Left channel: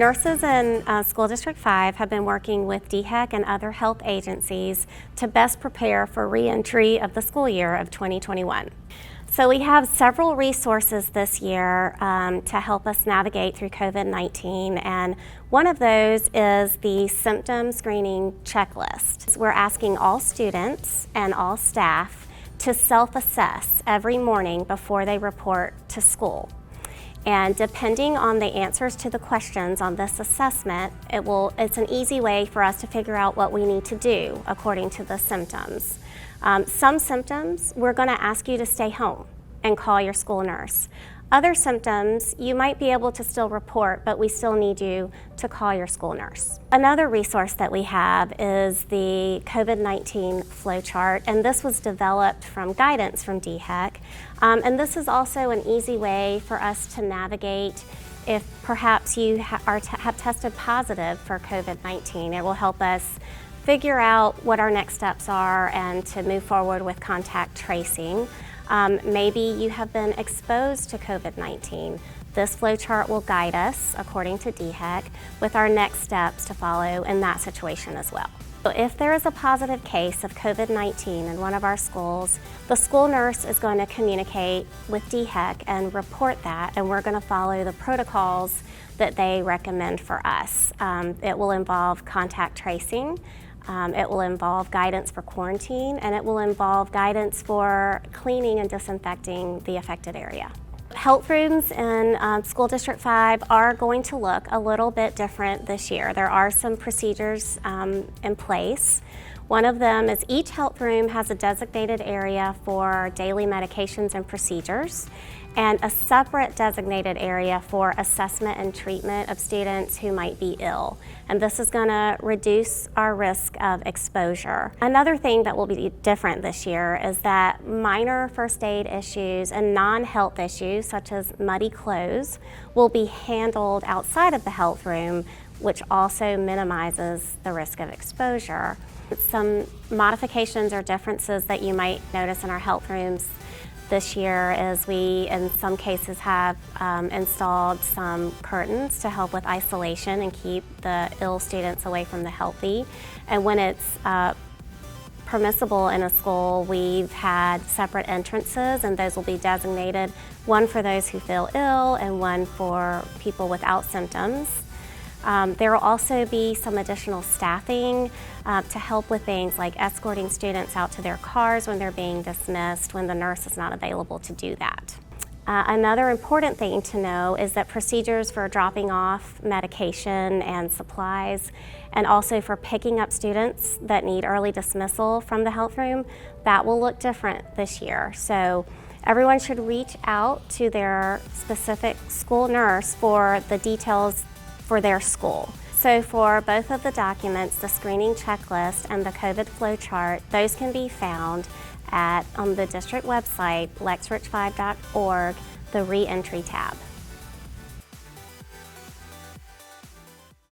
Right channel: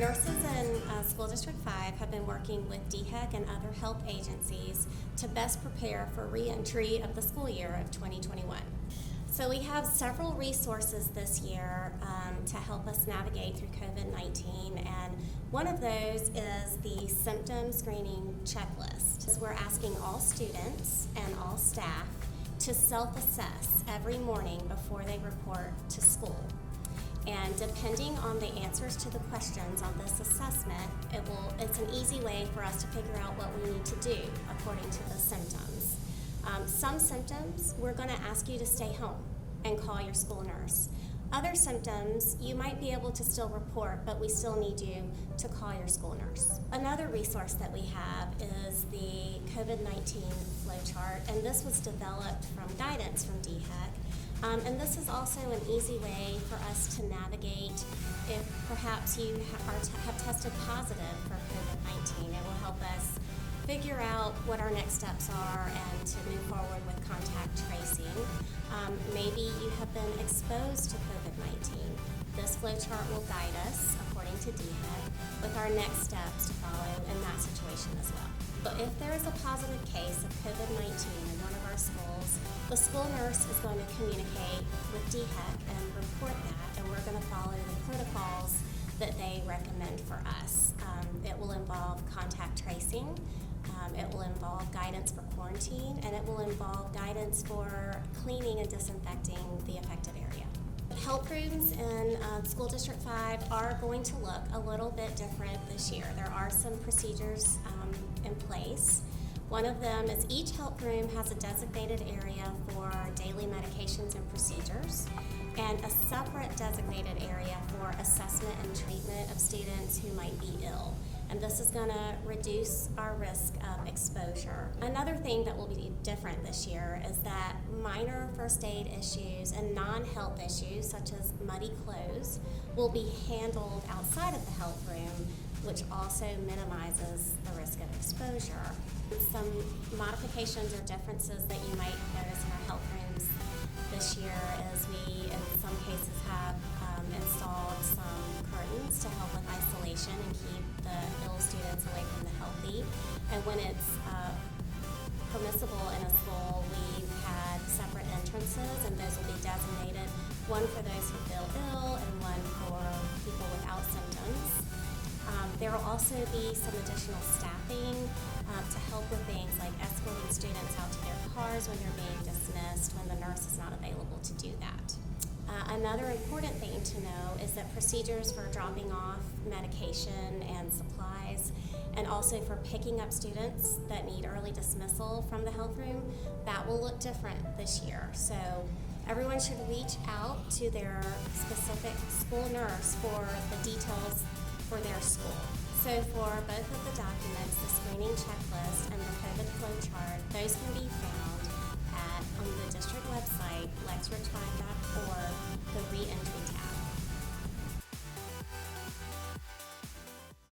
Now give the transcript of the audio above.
Nurses in School District 5 have been working with DHEC and other health agencies to best prepare for re-entry of the school year of 2021. So we have several resources this year to help us navigate through COVID-19, and one of those is the symptom screening checklist. We're asking all students and all staff to self-assess every morning before they report to school. And depending on the answers to the questions on this assessment, it's an easy way for us to figure out what we need to do according to the symptoms. Some symptoms, we're going to ask you to stay home and call your school nurse. Other symptoms, you might be able to still report, but we still need you to call your school nurse. Another resource that we have is the COVID-19 Flowchart, and this was developed from guidance from DHEC. And this is also an easy way for us to navigate if perhaps you have tested positive for COVID-19. It will help us figure out what our next steps are and to move forward with contact tracing. Maybe you have been exposed to COVID-19. This flowchart will guide us, according to DHEC, with our next steps to follow in that situation as well. So if there is a positive case of COVID-19 in one of our schools, the school nurse is going to communicate with DHEC and report that, and we're going to follow the protocols that they recommend for us. It will involve contact tracing. It will involve guidance for quarantine, and it will involve guidance for cleaning and disinfecting the affected area. Health rooms in School District 5 are going to look a little bit different this year. There are some procedures in place. One of them is each health room has a designated area for daily medications and procedures, and a separate designated area for assessment and treatment of students who might be ill. And this is going to reduce our risk of exposure. Another thing that will be different this year is that minor first aid issues and non-health issues, such as muddy clothes, will be handled outside of the health room, which also minimizes the risk of exposure. Some modifications or differences that you might notice in our health rooms this year is we, in some cases, have installed some curtains to help with isolation and keep the ill students away from the healthy. And when it's permissible in a school, we've had separate entrances, and those will be designated, one for those who feel ill and one for people without symptoms. There will also be some additional staffing to help with things like escorting students out to their cars when they're being dismissed, when the nurse is not available to do that. Another important thing to know is that procedures for dropping off medication and supplies, and also for picking up students that need early dismissal from the health room, that will look different this year. So everyone should reach out to their specific school nurse for the details for their school. So for both of the documents, the screening checklist and the COVID flowchart, those can be found on the district website, lexrich5.org, the re-entry tab.